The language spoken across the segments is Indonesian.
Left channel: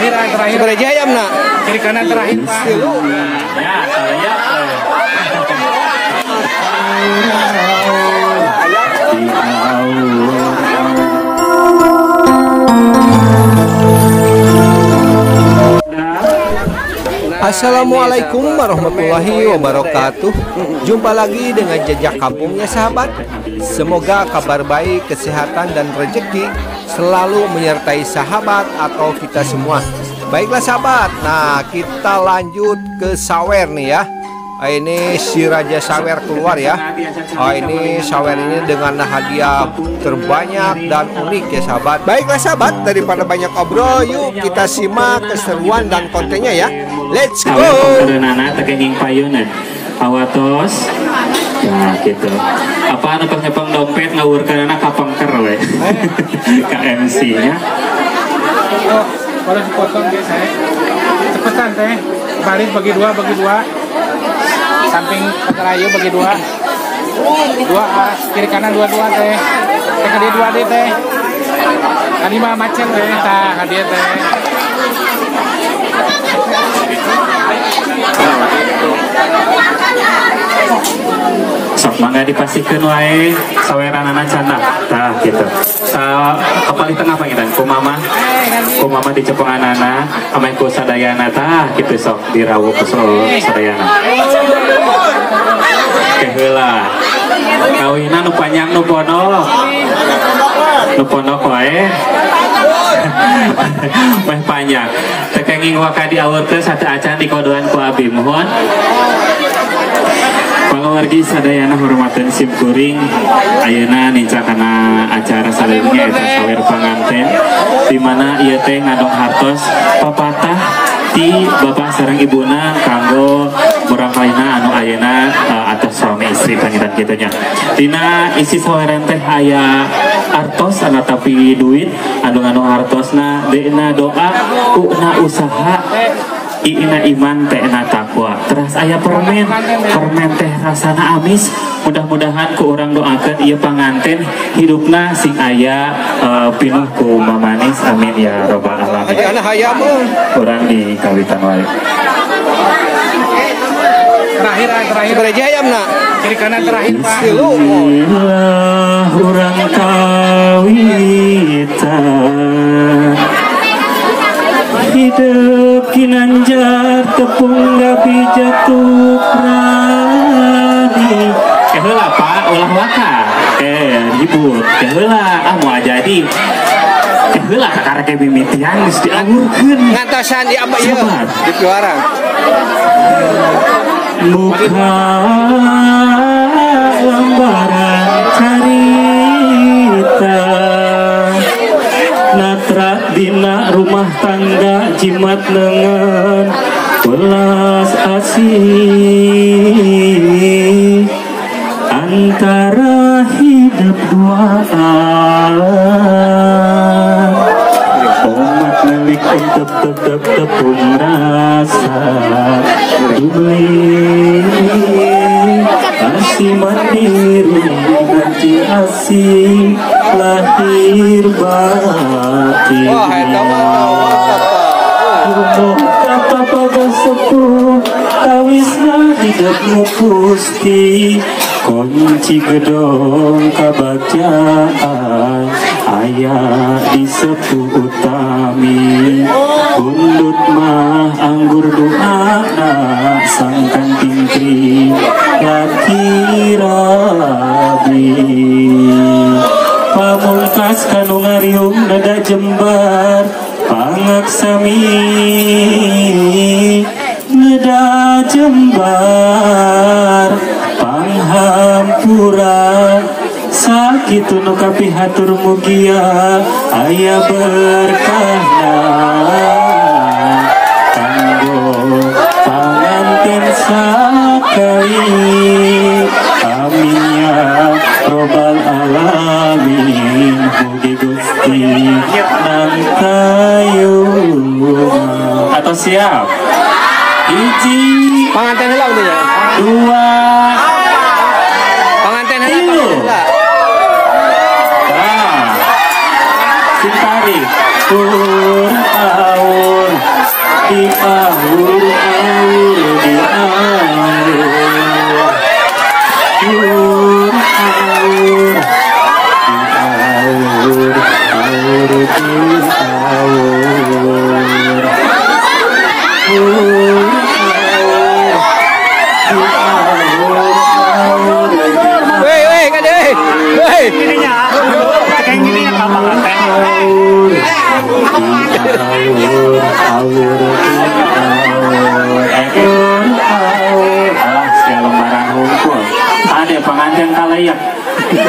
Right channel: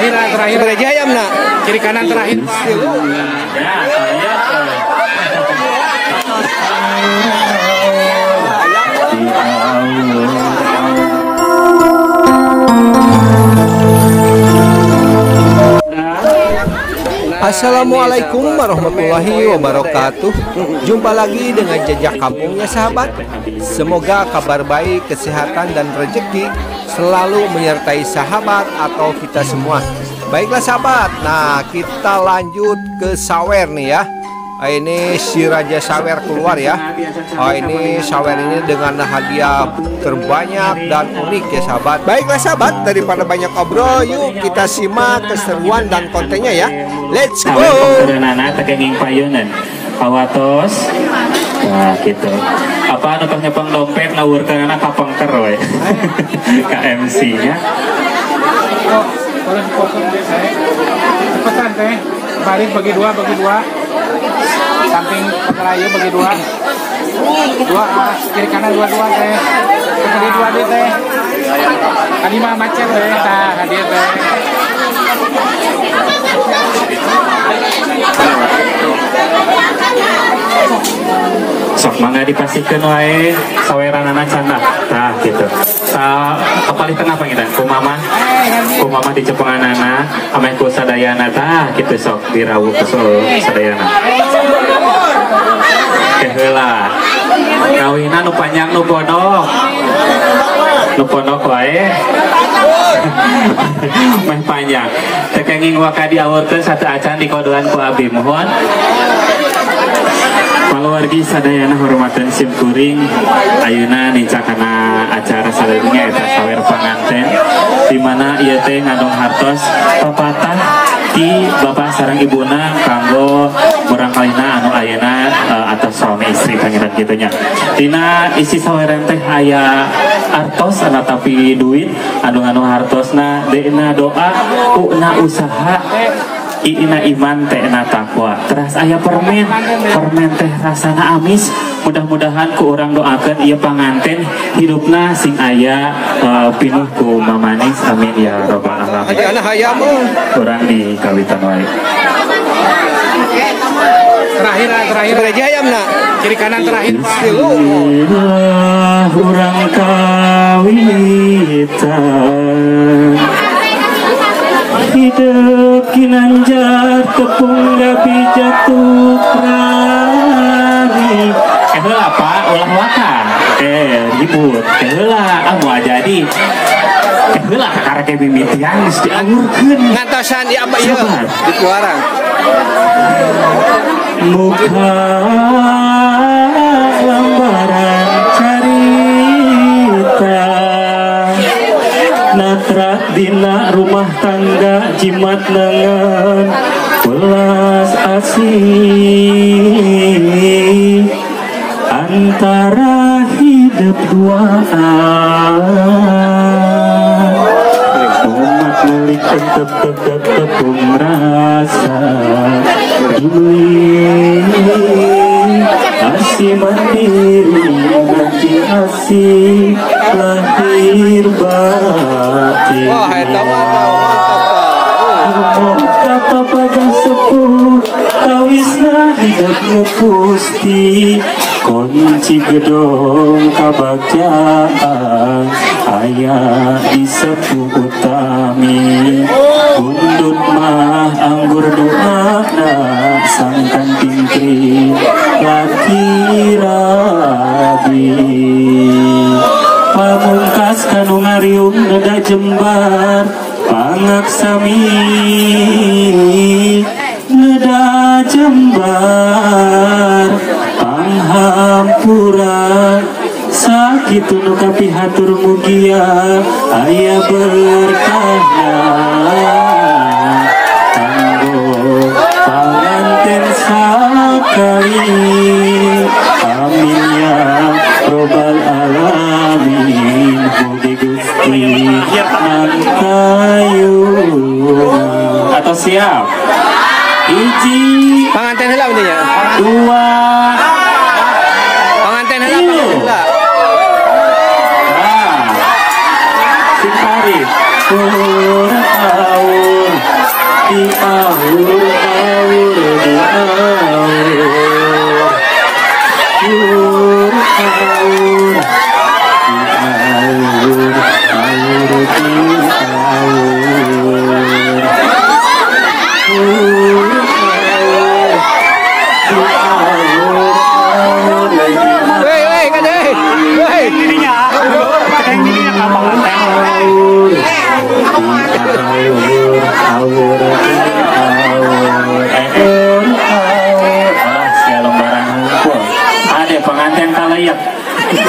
terakhir. Bereja ayam nak. Kiri kanan terakhir. Assalamualaikum warahmatullahi wabarakatuh. Jumpa lagi dengan Jejak Kampungnya sahabat. Semoga kabar baik, kesehatan dan rezeki selalu menyertai sahabat atau kita semua. Baiklah sahabat, nah kita lanjut ke sawer nih ya. Ini si Raja Sawer keluar ya. Ini sawer ini dengan hadiah terbanyak dan unik ya sahabat. Baiklah sahabat, daripada banyak obrol, yuk kita simak keseruan dan kontennya ya. Let's go. Awatos. Nah gitu. Apa anu nyepong dompet ngawurkeun anak kapengker we. KMC nya. Kalau dipotong deh saya. Cepetan teh. Balik bagi dua. Samping terayu bagi dua. Dua kiri kanan dua teh. Kiri dua deh teh. Tadi mah macet we tah hadiah teh. Sok mangga dipasikeun wae saweranana canda. Tah gitu. Kepalitan apa kita? Kumama dicepenganana amain ku sadayana tah gitu sok dirawuh ke sadayana. Keheula. Kawinan nu panjang nu pondok. Nu pondok wae. Meh panjang. Tekenging wakadi awurkeun satu acan dikodoan ku abdi mohon. Paluargi sadayana hormatan simkuring ayeuna nincakana acara saleunya eta sawer panganten di mana ieu teh ngadong hartos papatah ti bapak sareng ibuna kanggo urang kalina anu ayeuna atas suami istri pangiran kitu nya. Dina isi saweran teh aya artos tapi duit anu hartosna deuna doa una usaha Ina iman teh na takwa. Teras aya permen teh rasana amis. Mudah-mudahan ku orang doakan ieu panganten hidupna sing aya pinuh ku mamanis. Amin ya robbal alamin. Hadi anak hayam urang di kawitan wae. Terakhir. Bereja ayam nak. Kiri kanan terakhir. Bismillah urang kawitan. Hidup kinanjar tepung gapi jatuh rani. Keheula pak ulah wakar. Ribut. Keheula mau jadi. Keheula karek mimitian geus diangurkeun. Ngantosan di apa ieu? Di luarang. Muka lambaran carita. Natra dina rumah tangga jimat lengan belas asih antara hidup duaan umat milik tetep tepung rasa demi asih mandiri nanti asih lahir batin. Wah, eta mantap kata pada sepuh awisna hidupnya pusti kunci gedong kabagjaan ayah di sepuh utami undut mah anggur doana sangkan tingkri laki rabi pamungkas kanu ngariung nada jembar pangaksami nada jembar panghampura sakitu nu kapihatur mugia aya berkahna kanggo panganten sakali amin ya robbal alamin. Mugi Gusti nangkayuna atau siap hiji panganten heula nya. Dua Panganten heula. Sing tarik. Ada pengantin kalayak di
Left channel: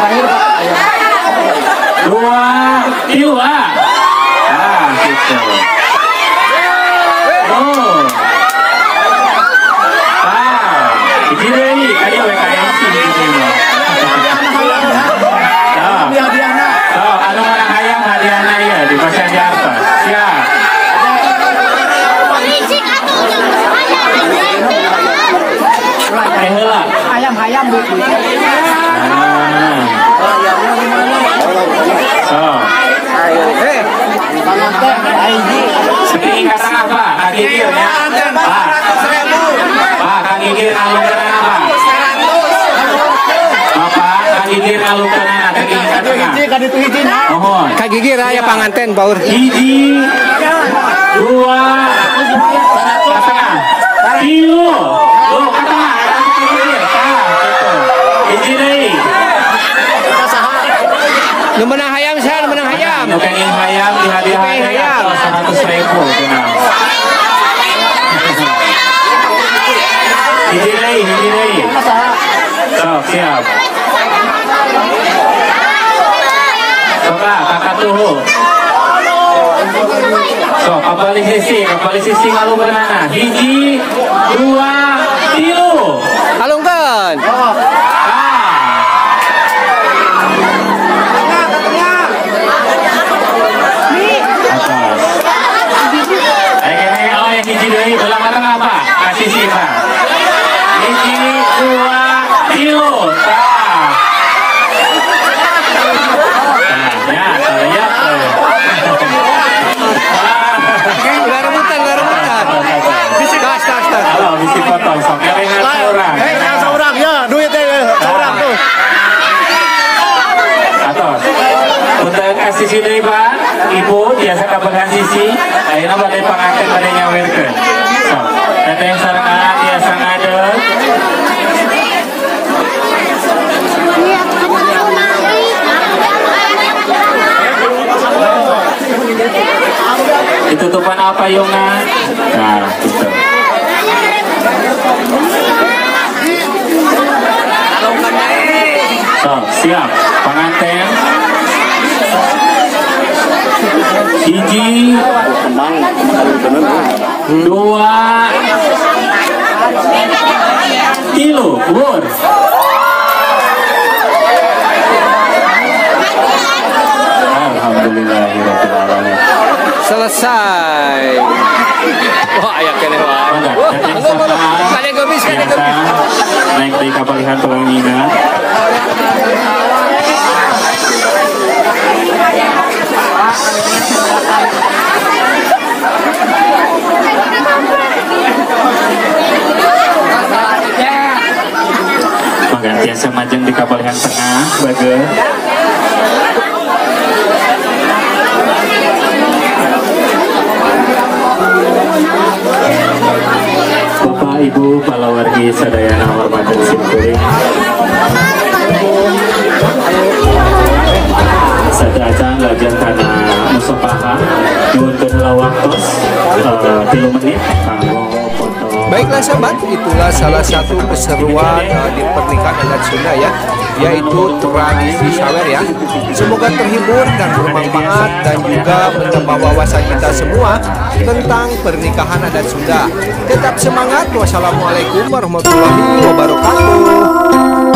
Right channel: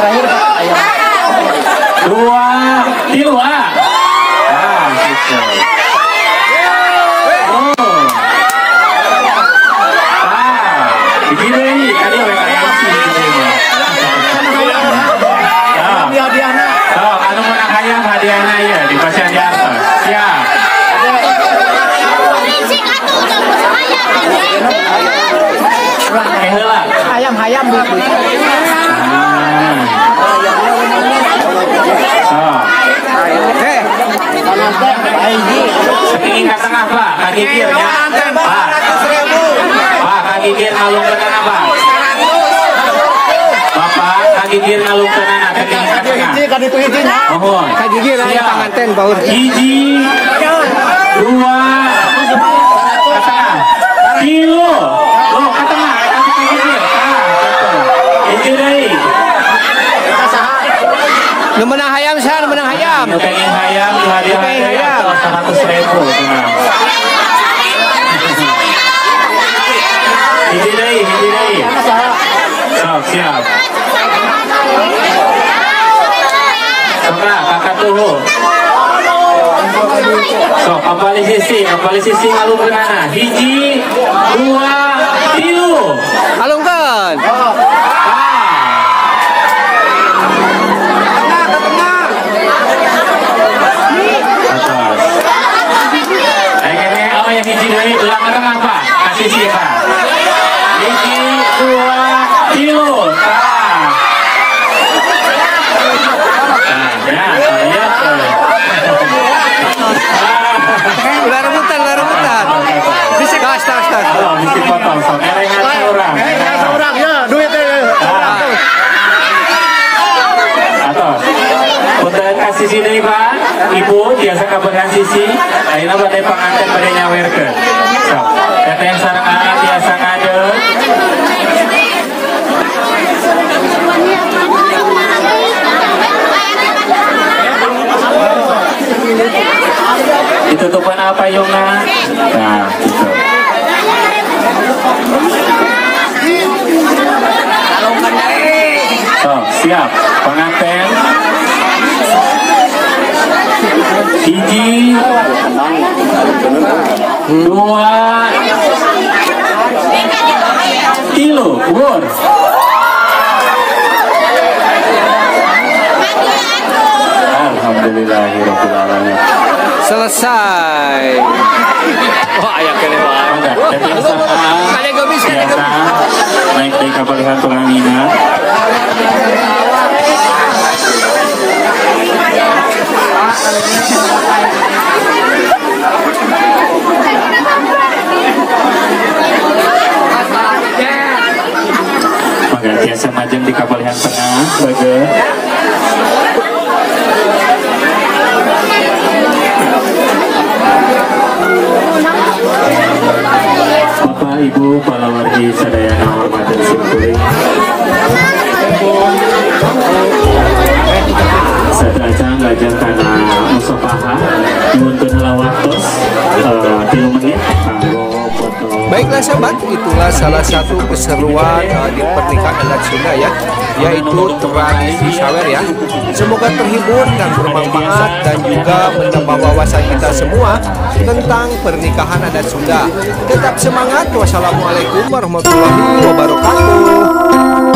terakhir Pak, ayam 2 kilo gitu. Begini nih tadi hadiahnya. Anu mana hayam hadiahnya ya di pasar di atas. Siap. Hayam. Setinggi kata apa? Kaki kiri ya. Kaki kiri alung ke apa? Bapak kaki kiri alung ke mana? Kaki hiji, kaki itu hijinya. Kaki kiri ya panganten baur. Hiji, 2, 100 kilo. Lo ke tengah, kaki kiri. Hiji deh. Nu menang hayam sah, nu menang hayam. Nu pengen hayam dihadiah hayam 100.000 tenang. Hiji deui. Sok siap. Soka kakak tuh. Sok kembali sisi ngalu berenana. Hiji, 2, 3. Alungkeun. Atas. Yang hiji deui ulang kata apa? Kasih sifat. Hiji, 2 kilo. Ulah rebutan. Bisi tas. Bisi potong. Sampai orang. Ya, duitnya. Atas. Untuk kasih sini Pak, Ibu biasa kabahan sisi, ayeuna badai panganten badai nyawerkeun. So, teteh sareng anak biasa ngadeg. Ditutupan apa Yungna? Nah, gitu. So, siap, panganten. Hiji, 2 kilo, bur. Alhamdulillahirobbilalamin. Selesai. Oh, aya kene wae. Kade gobis. Naik di kapalihan tulang minat. Biasa majeng di kapalihan tengah, bager. Ibu palawargi sadayana hormatan simkuring sadaya lajeng kana musapaha nuntun lawaktos 3 menit kanggo foto. Baiklah sahabat, itulah salah satu keseruan di pernikahan adat Sunda ya, yaitu tradisi sawer ya. Semoga terhibur dan bermanfaat dan juga menambah wawasan kita semua tentang pernikahan adat Sunda. Tetap semangat. Wassalamualaikum warahmatullahi wabarakatuh.